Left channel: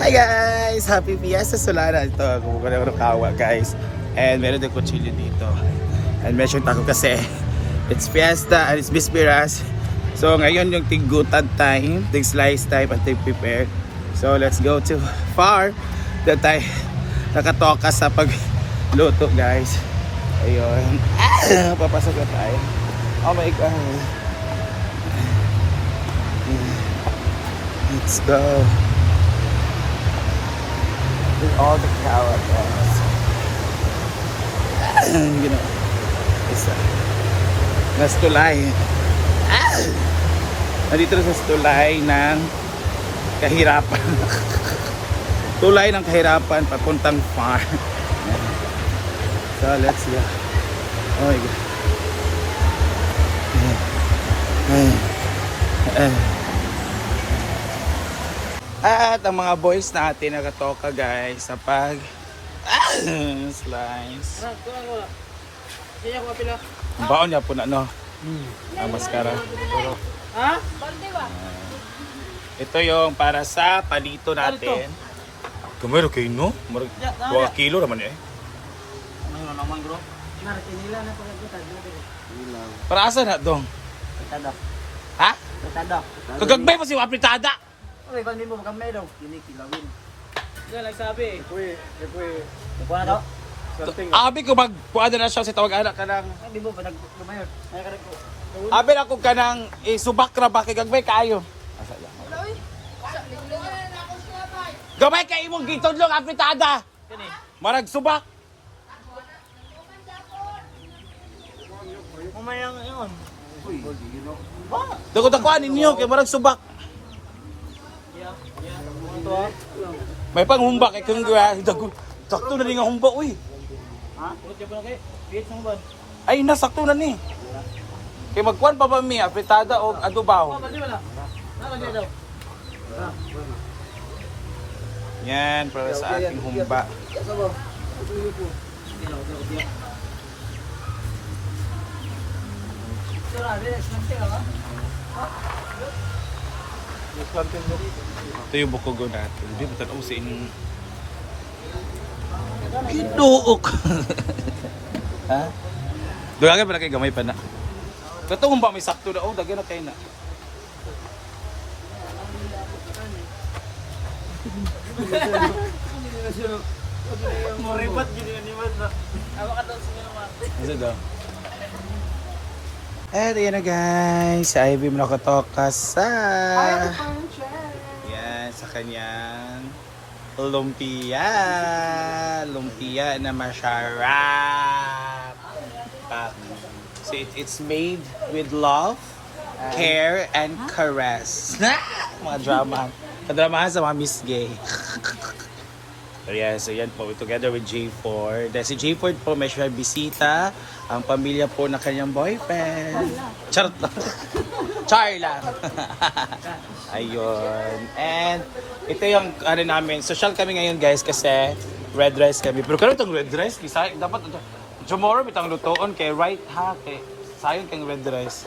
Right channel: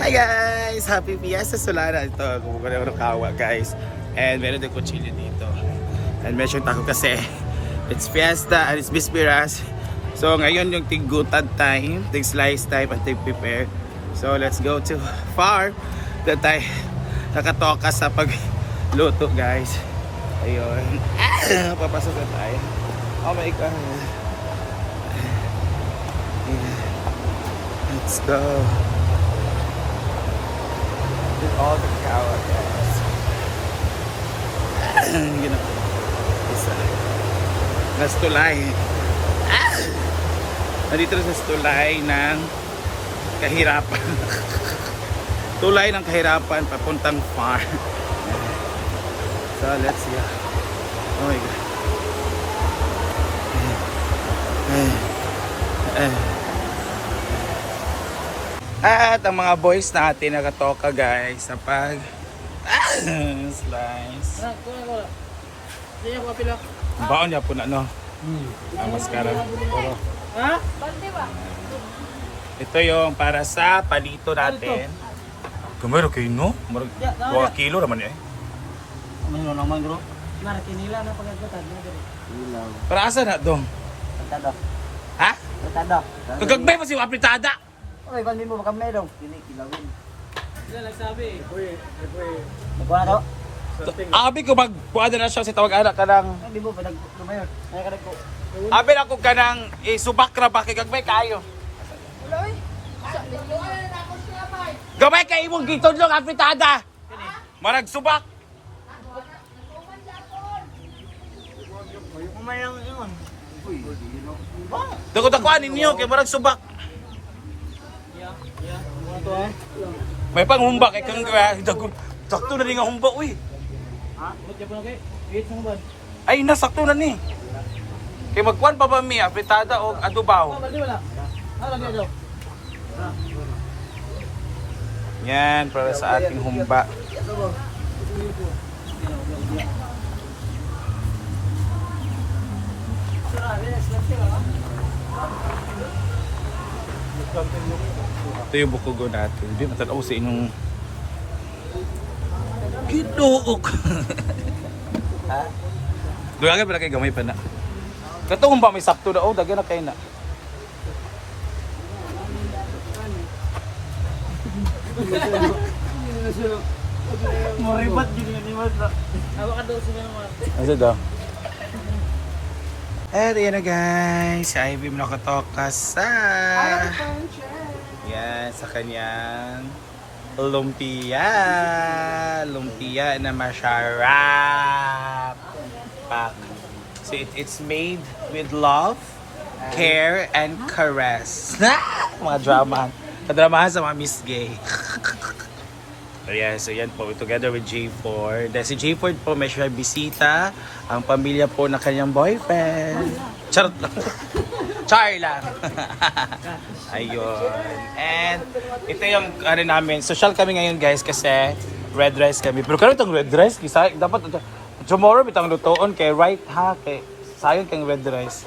Hi guys! Happy Fiesta Solana. Ito, kumukuha ako ng kawa guys. And meron din kutsilyo dito. And medyo tako kasi it's Fiesta and it's Bisperas. So ngayon yung tig-gutad time, tig-slice time at tig-prepare. So let's go to farm. Doon tayo nakatoka sa pagluto guys. Ayun. Papasok na tayo. Oh my God. Let's go. There's all the cow guys. You know, it's nas tulay. Nandito na sa tulay ng kahirapan. Tulay ng kahirapan papuntang farm. So let's go. Oh my God. At ang mga boys natin nakatoka guys sa pag slice. Baon niya po na no. Ang maskara. Puro. Ha? Ito yung para sa palito natin. Kamero kayo no? 2 kilo naman eh. Manyo ng mangro. Na kinila na pala gata dito. Para asa na dong? Tatada. Ha? Tatada. Kagagbay pa si apritada. Oy, ban mo ba kami daw? Kini kilawin. Yan nagsabi. Magkuha na to. Abi ko magpuada na siya si tawag anak ka ng Hindi mo ba naglumayon? Ay ka nagko. abi na ko ka ng subak ra ba kay gagbay kaayo. Gabay kay imong gitudlong apritada. Marag subak. Kumayang yun. Dako-dakuan ninyo kay marag subak. Ito ah. May panghumba kay kung dagon. Sakto na rin nga humba uy. Ha? Ulit po na kay. Wait mo ba? Ay nasakto na ni. Kay magkuan pa ba mi apritada o adobaw. Bali wala. Lagi daw. Yan para sa ating humba. Ito yung bukugo natin. Hindi matanaw sa inyong kinuok. Ha? Dugagay pala kay gamay pa na. Katong ba may sakto na? Oh, dagyan na kayo na. Moribat gini ni Mas. Awa ka daw sila Mas. Asa daw? At yan na guys, si Ivy mo nakatoka sa yan, sa kanyang lumpia. Lumpia na masarap. So it's made with love, care, and caress. Mga drama. Kadramahan sa mga Miss Gay. So yan po, together with J4. Dahil si J4 po may siya bisita, ang pamilya po na kanyang boyfriend. Charot lang. Char lang. Ayun. And ito yung ano namin, social kami ngayon guys kasi red rice kami. Pero kaya itong red rice, dapat tomorrow bitang lutoon kay right ha, kay sayang kang red rice.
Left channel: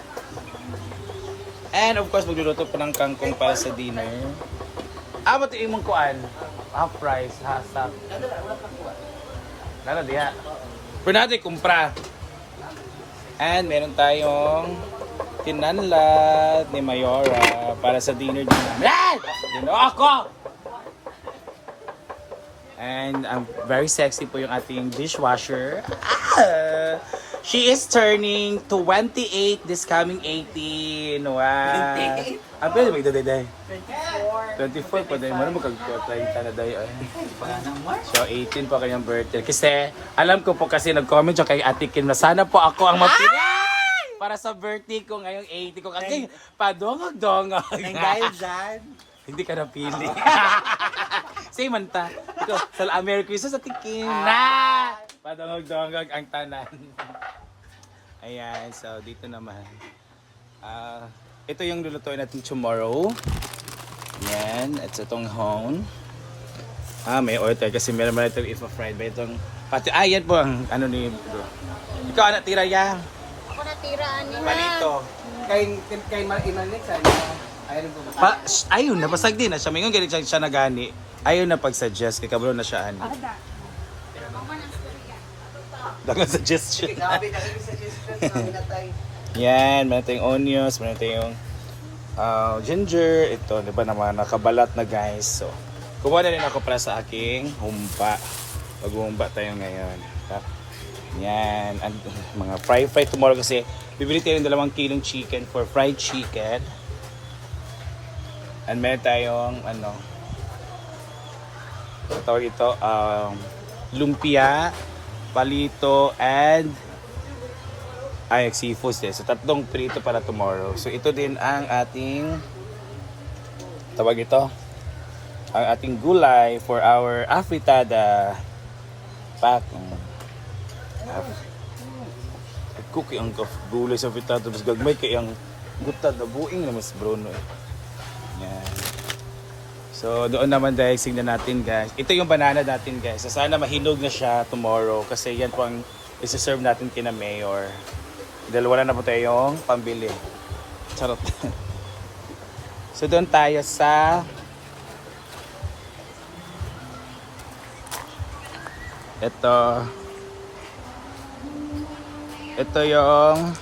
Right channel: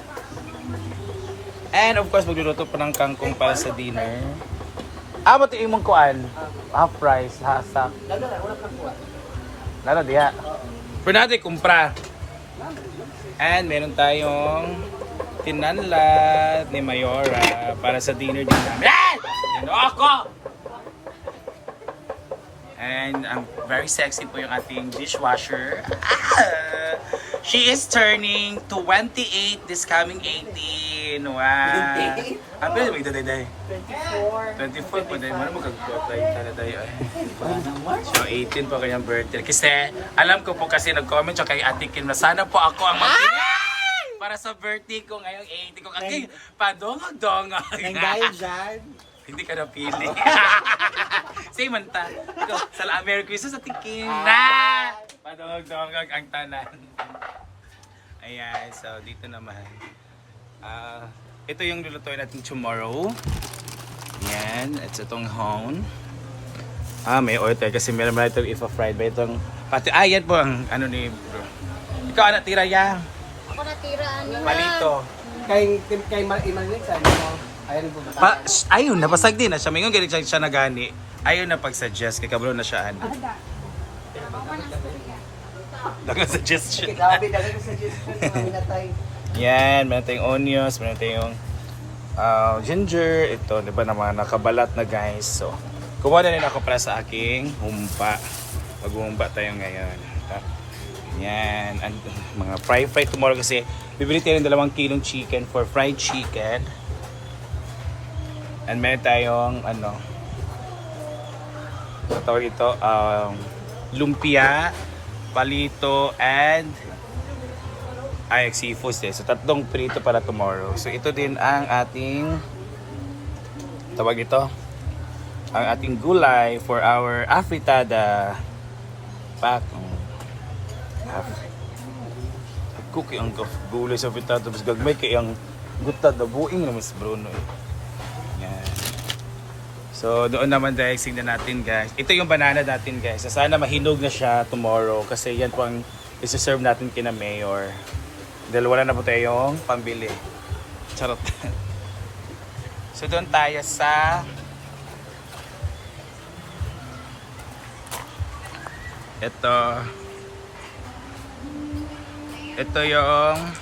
And of course magluluto pa ng kangkong para sa dinner. Ito yung mong kuan. Half price, hasak. Lalo diya. Pero natin kumpra. And meron tayong tinanlat ni Mayora para sa dinner din namin. Dino ako! And very sexy po yung ating dishwasher. She is turning 28 this coming 18. Wow. Ang pwede mo ito 24 pa dahil mo magkagpotay tanaday. So 18 po kanyang birthday. Kasi alam ko po kasi nag-comment siya kay Ate Kim na sana po ako ang magpili para sa birthday ko ngayong 80 ko. Kasi padongag-dongag. Nang dahil dyan. Hindi ka napili. Say man ta. Ikaw, Merry Christmas Ate Kim. Na! Padongag-dongag ang tanan. Ayan, so dito naman. Ito yung lulutuin natin tomorrow. Yan, it's itong hone. May oil tayo kasi meron ba ito ipa-fried ba itong pati. Yan po ang ano ni bro. Ikaw anak tira yan. Ako natiraan niya. Palito. Kay Imanik sa ano? Ayun po ba? Ayun, napasag din. Sa mingon galing siya nagani. Ayaw na pag-suggest, kay kabalo na siya ano. Dagang suggestion. Grabe, dahil sa suggestion na minatay. Yan, meron tayong onions, meron tayong ginger. Ito, di ba naman, nakabalat na guys. So, kumuha na rin ako para sa aking humpa. Mag-humpa tayo ngayon. Yan, and, mga fry tomorrow kasi bibili tayo ng 2 kilong chicken for fried chicken. And meron tayong, ano tawag ito, lumpia, palito, and seafood eh. So 3 prito para tomorrow. So ito din ang ating tawag ito, ang ating gulay for our afritada pack. Cookie ang gulay sa afritada, mas gagmay kay ang gutad na buing na mas Bruno. Yan. So doon naman dahil tingnan natin guys. Ito yung banana natin guys. Sana mahinog na siya tomorrow kasi yan po ang isi-serve natin kina Mayor. Dahil wala na po tayong pambili. Charot. So doon tayo sa ito yung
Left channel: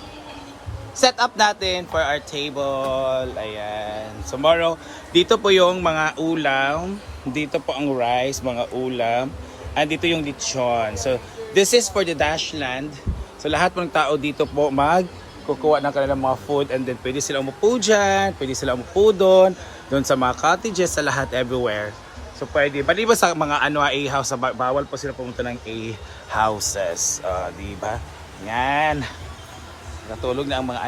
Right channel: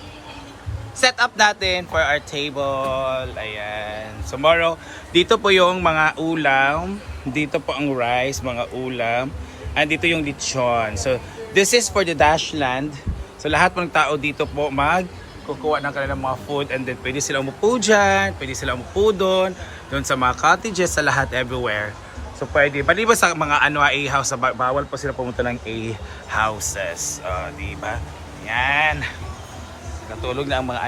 setup natin for our table. Ayan. Tomorrow, dito po yung mga ulam. Dito po ang rice, mga ulam. And dito yung lechon. So, this is for the Dashland. So, lahat ng tao dito po kukuha ng kanilang mga food. And then, pwede sila umupo dyan. Pwede sila umupo doon. Doon sa mga cottages, sa lahat, everywhere. So, pwede. Maliban sa mga A-house, bawal po sila pumunta ng A-houses. Diba? Yan. Natulog na ang mga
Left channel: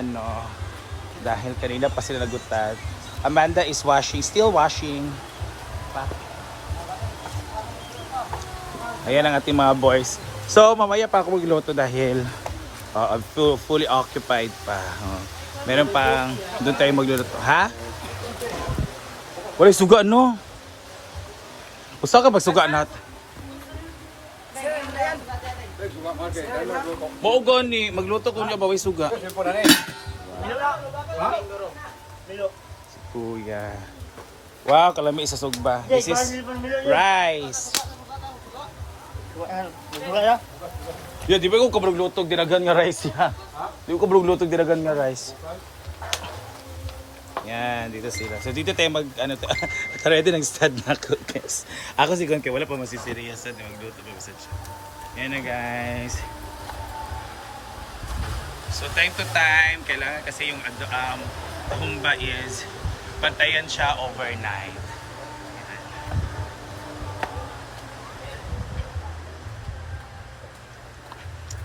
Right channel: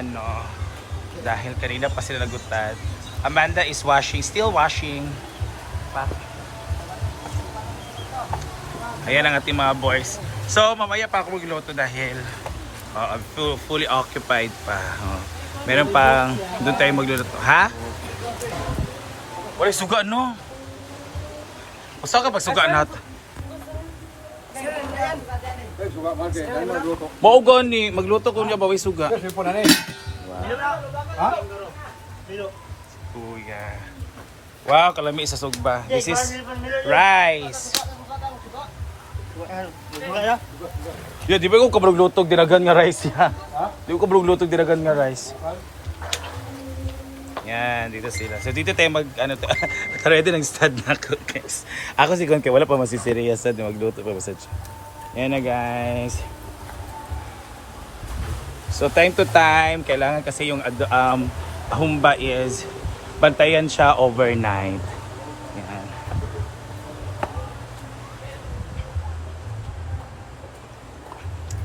dahil kanina pa sila nagutad. Amanda is washing, still washing. Ayan ang ating mga boys. So mamaya pa ako magluto dahil fully occupied pa. Meron pang doon tayo magluluto. Ha? Wala suga no? Usa ka magsuga natin. Maugan ni magluto ko niya baway suga. Kuya. Wow, kalami sa sugba. This is rice. Di ba ko kabrog dinagan nga rice ya? Di ko kabrog dinagan nga rice. Yan, dito sila. So dito tayo ready ng stud na ako guys. Ako si Gonke, wala pa masiserious na magluto pa sa. Yan na guys. So time to time, kailangan kasi yung humba is bantayan siya overnight.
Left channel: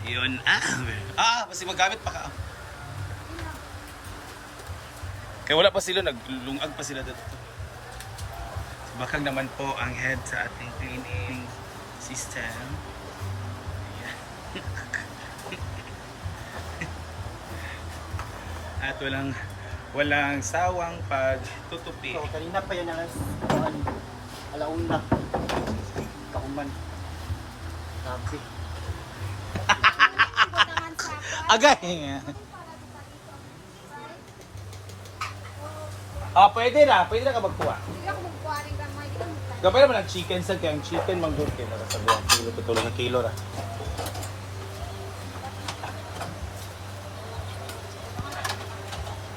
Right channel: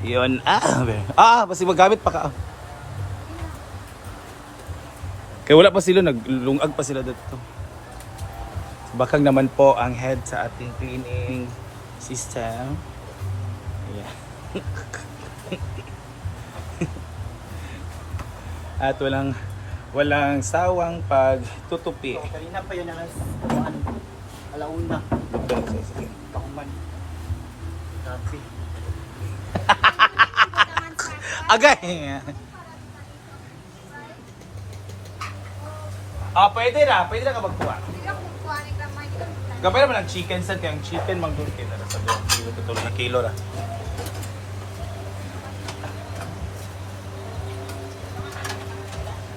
Yun. Basta magamit pa ka. Kaya wala pa sila, naglungag pa sila dito. Bakang naman po ang head sa ating cleaning system. At walang sawang pagtutupi. Kanina pa yun alauna. Kauman. Kapi. Agay! Pwede na ka magkuha. Gabay naman ang chicken sa kaya ang chicken mangguti na sabi ang kilo na kilo ra.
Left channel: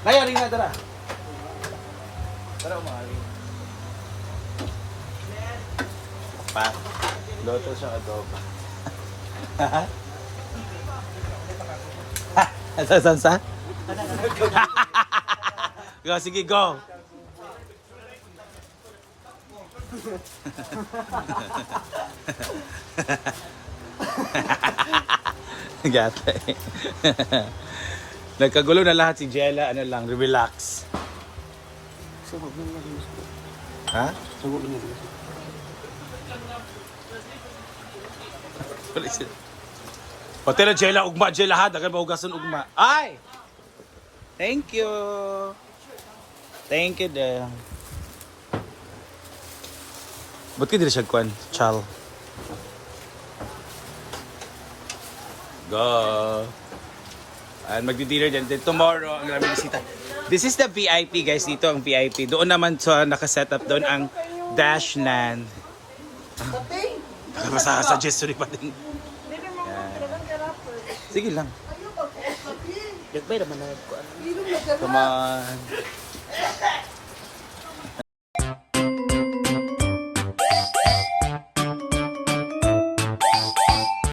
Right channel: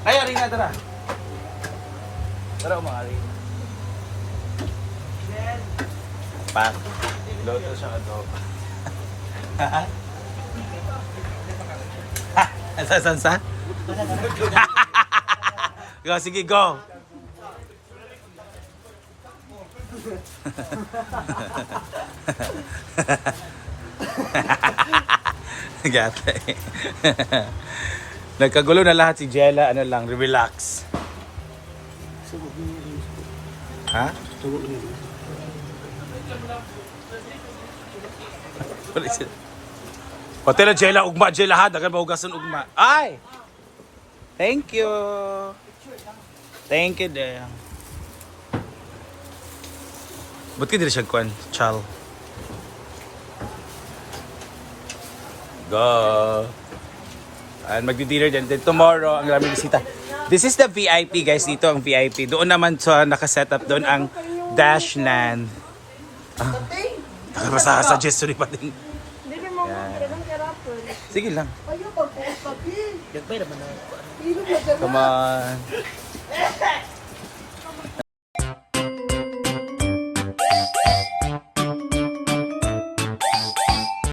Kaya rin na tara. Tara umari. Pak. Loto siya adobo. Sa? Go, sige, go. Gata eh. Nagkagulo na lahat si Jella, relax. Ha? Pati na Jella, ugma Jella ha, dagan mahugasan ugma. Ay! Thank you. Thank you din. Ba't ka dili siya kwan? Chal. Go. And magdi-dinner din. Then tomorrow, ang maraming bisita. This is the VIP guys. Dito ang VIP. Doon naman sa nakaset up doon ang Dashland. Basta suggest ni Pating. Sige lang. Dagbay naman na. Come on.